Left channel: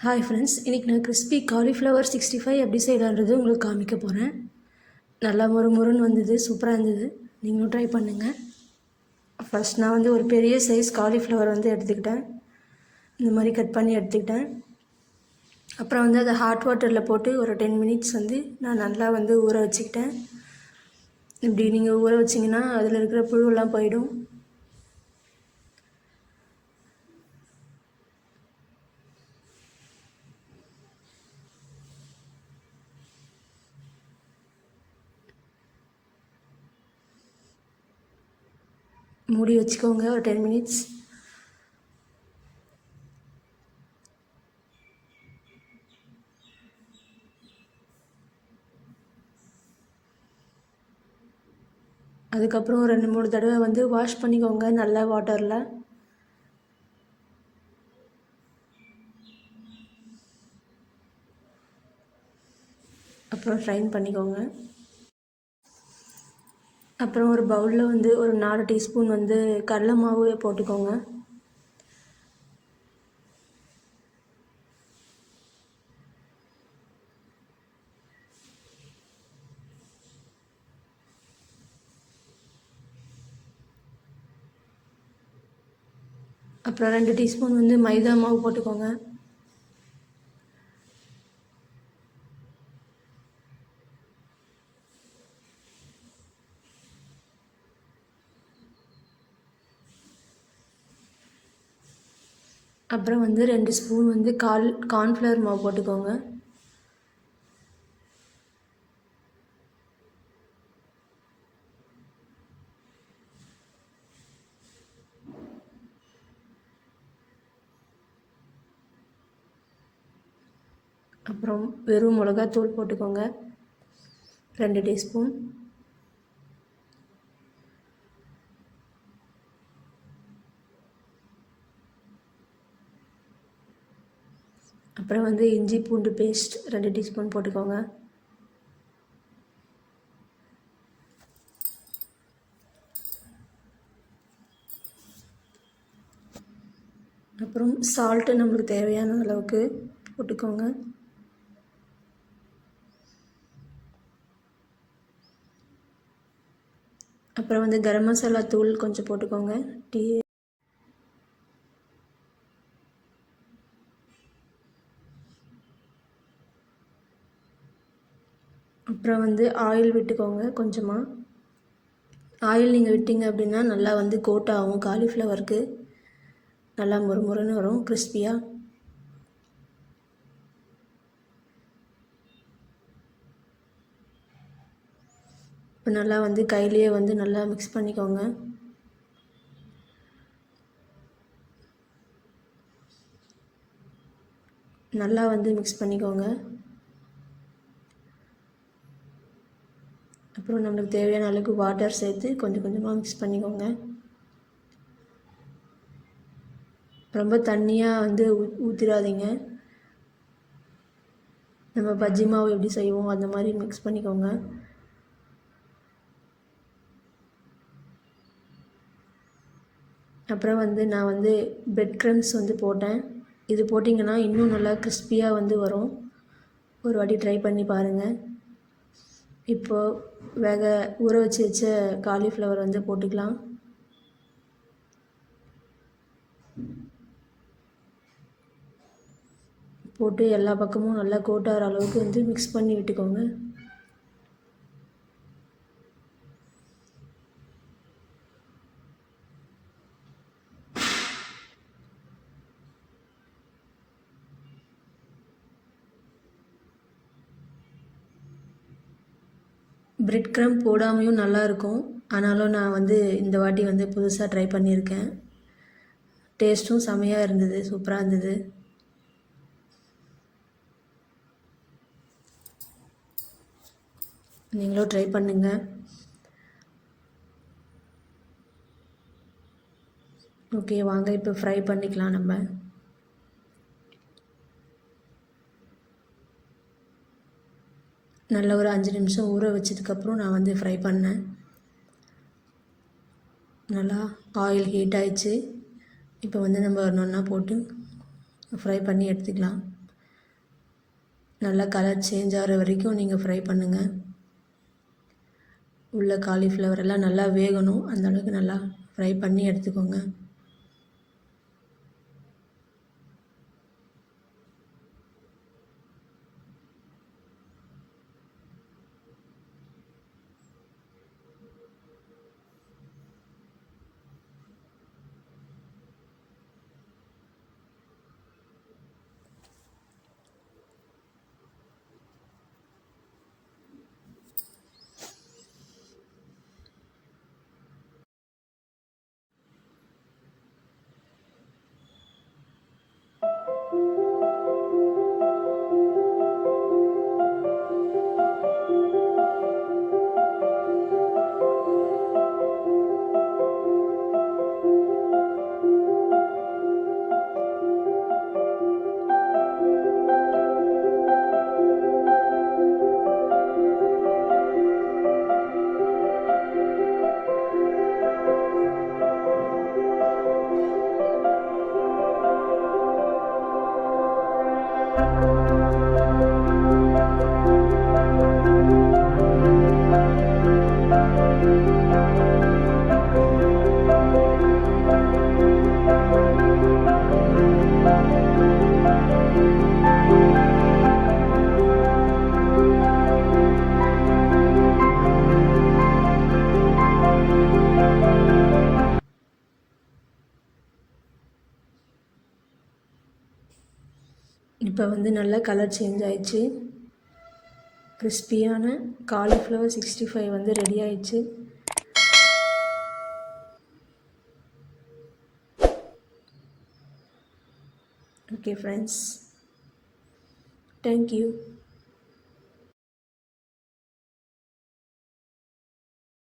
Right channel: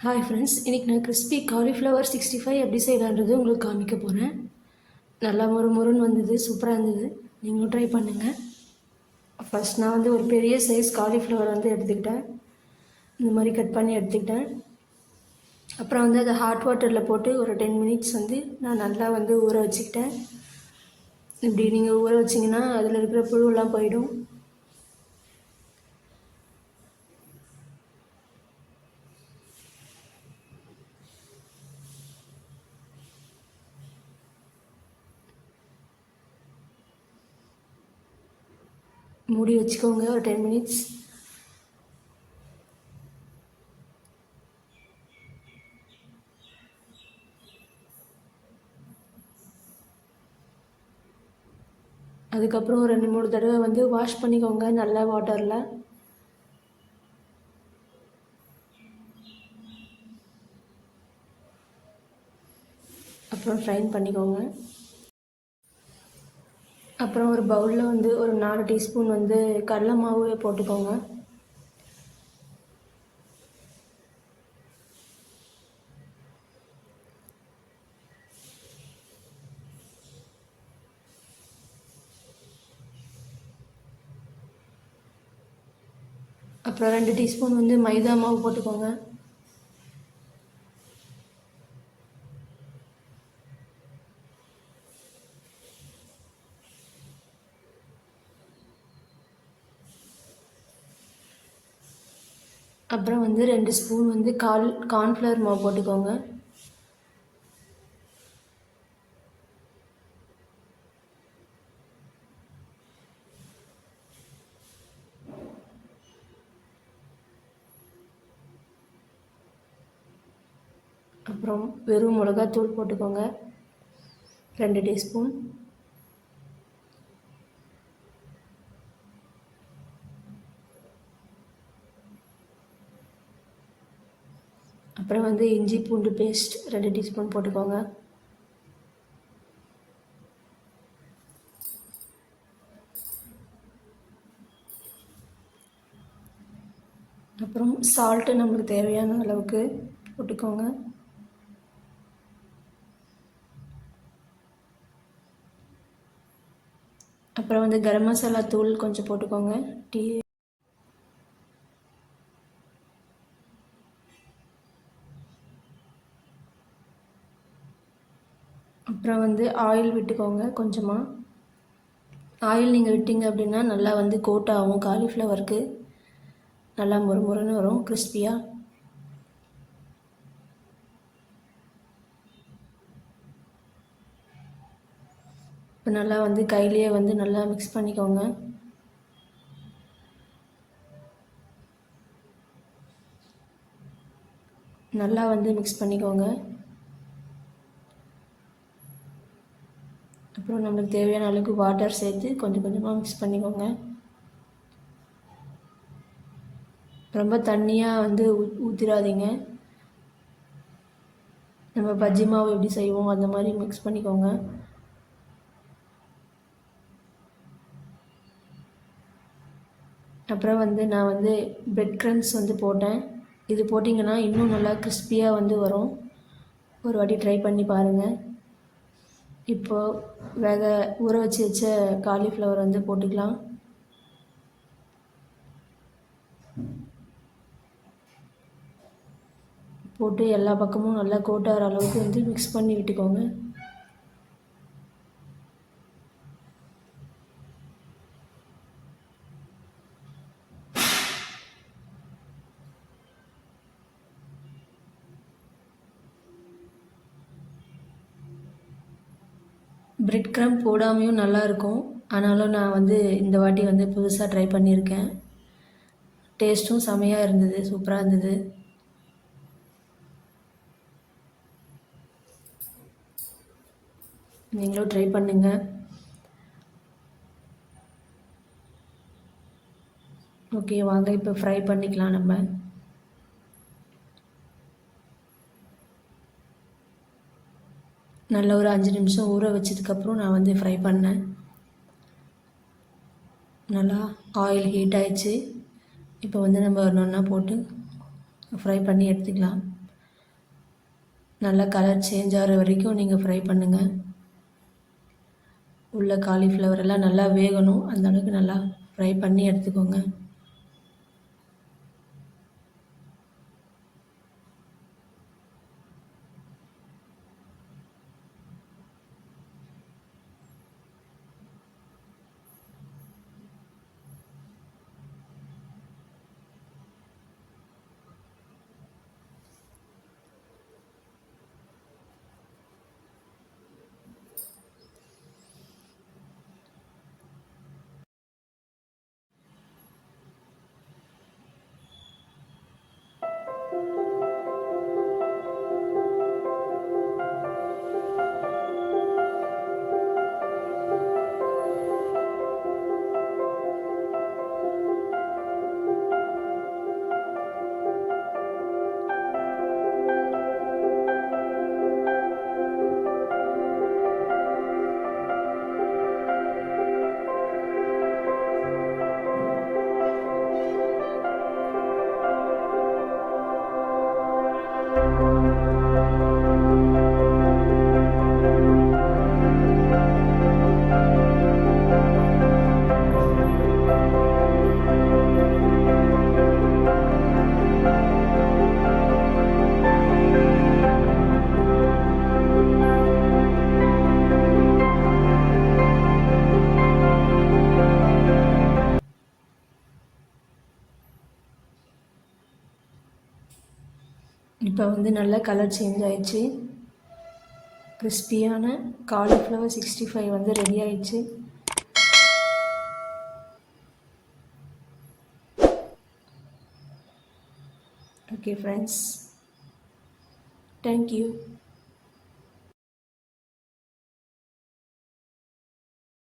Hi friends, இன்றைக்கி நான் crispy cauliflower 65 எப்படி செய்யலான்றது உங்களுக்கு காமிக்க போகிறேன். நல்லா முறுமுறுன்னு வந்தது, சூப்பராக இருந்தது. நீங்களும் ட்ரை பண்ணுங்கள். ஃபஸ்ட் நான் வந்து ஒரு பெரிய சைஸ் காலிஃப்ளவர் வந்து எடுத்துக்கிட்டேன். இந்த மாதிரி கட் பண்ணி எடுத்துக்கிட்டேன். அப்புறம் வந்து அதை ஹாட் வாட்டரில் போட்டு ஒரு 10 மினிட்ஸ் வந்து நான் நல்லா வந்து ஊற வச்சுக்கிட்டேன். இப்படி நீங்கள் ஊற வச்சிங்கன்னா அதில் இருக்கிற புழுவெல்லாம் போயிடும். மூடி வச்சுக்கோங்க ஒரு 10 மினிட்ஸ். அதுக்கப்புறம் 2-3 தடவை வந்து வாஷ் பண்ணிக்கோங்க நல்லா வாட்டரில். அப்புறம் ஃப்ரைன் பண்ணிக்கோங்க. அப்புறம் ஒரு பவுலில் வந்து ஒரு 4 டீஸ்பூன் வந்து கடலை மாவு போட்டுக்கோங்க. அப்புறம் 2 டீஸ்பூன் வந்து மைதா மாவு போட்டுக்கோங்க. அப்புறம் வந்து 2 ஸ்பூன் வந்து கார்ன்ஃப்ளவர் மாவு போட்டுக்கோங்க. அப்புறம் வெறும் மிளகாத்தூள் போட்டுக்கோங்க 2 டீஸ்பூன். அப்புறம் வந்து இஞ்சி பூண்டு பேஸ்ட் 2 டீஸ்பூன் போட்டுக்கோங்க. அப்புறம் சால்ட்டு நம்மளுக்கு தேவையான அளவுக்கு போட்டுக்கோங்க. அப்புறம் வந்து கரம் மசாலா தூள் கொஞ்சம் போட்டுக்கோங்க. அப்புறம் வந்து ஆயில் விட்டுக்கோங்க கொஞ்சமாக. ஆயில் நீங்கள் விட்டீங்க அப்படின்னா நல்லா வந்து கோட் ஆகும் காலிஃப்ளவருக்கு. நல்லா முறுமுறுன்னு வரும் கிறிஸ்பியாக. இப்போ நல்லா வந்து கையிலேயே வந்து நல்லா மிக்ஸ் பண்ணிக்கோங்க. நல்லா வந்து மிக்ஸ் பண்ணிக்கோங்க. அப்புறம் நம்மளுக்கு தேவையான அளவுக்கு வாட்டர் சேர்த்து கொஞ்சம் கொஞ்சமாக மிக்ஸ் பண்ணிக்கோங்க. ரொம்ப தண்ணியாக வந்து ஊற்றிடாதீங்க. நம்ம பஜ்ஜி மாவு எப்படி செய்வோம் அந்த மாதிரி மிக்ஸ் பண்ணிக்கோங்க. அப்புறம் வந்து நான் வந்து பிரெட் க்ரம்ஸ் வந்து போட்டேன். இது போட்டிங்கன்னா இன்னும் நல்லா கிறிஸ்பியாக வந்து வரும். ஒரு வாட்டி ட்ரை பண்ணி பாருங்கள். இப்போது ஊற வச்ச காலிஃப்ளவர் வந்து போட்டுக்கலாம். போட்டு எல்லா பக்கமும் நல்லா கோட்டாகிற அளவுக்கு வந்து மிக்ஸ் பண்ணி விட்டுக்கோங்க. பிரெட் க்ரம் போடாமையும் நல்லாயிருக்கும். ஆனாலும் நான் வந்து இந்த வாட்டி வந்து புதுசாக ட்ரை பண்ணியிருக்கேன். டேஸ்ட்டும் செமையாக இருந்தது, சூப்பராக இருந்தது. நீங்களும் ட்ரை பண்ணுங்கள். ஓகே, வாங்க இப்போ ஃப்ரை பண்ணிக்கலாம். நம்ம நல்ல ஒரு 5 நிமிஷம் ஊற வச்சதுக்கப்புறம் நான் வந்து ஃப்ரை பண்ணேன். நல்லா ஆயில் ஹீட் ஆயிடுச்சு. இப்போ வந்து நம்ம ஒன்று ஒன்றா போட்டு ஃப்ரை பண்ணி எடுத்துக்கலாம். நல்லா கலர் சேஞ்ச் ஆகிற வரைக்கும் நீங்கள் ஃப்ரை பண்ணுங்கள். உள்ள காலிஃப்ளவர் எல்லாம் நல்லா வேகணும், அந்த அளவுக்கு நல்லா ஃப்ரை பண்ணி எடுத்துக்கோங்க. இப்போ வந்து நல்லா கலர் சேஞ்ச் ஆயிடுச்சு. கிறிஸ்பியான காலிஃப்ளவர் 65 வந்து ரெடி ஆயிடுச்சு. Okay friends, thank you.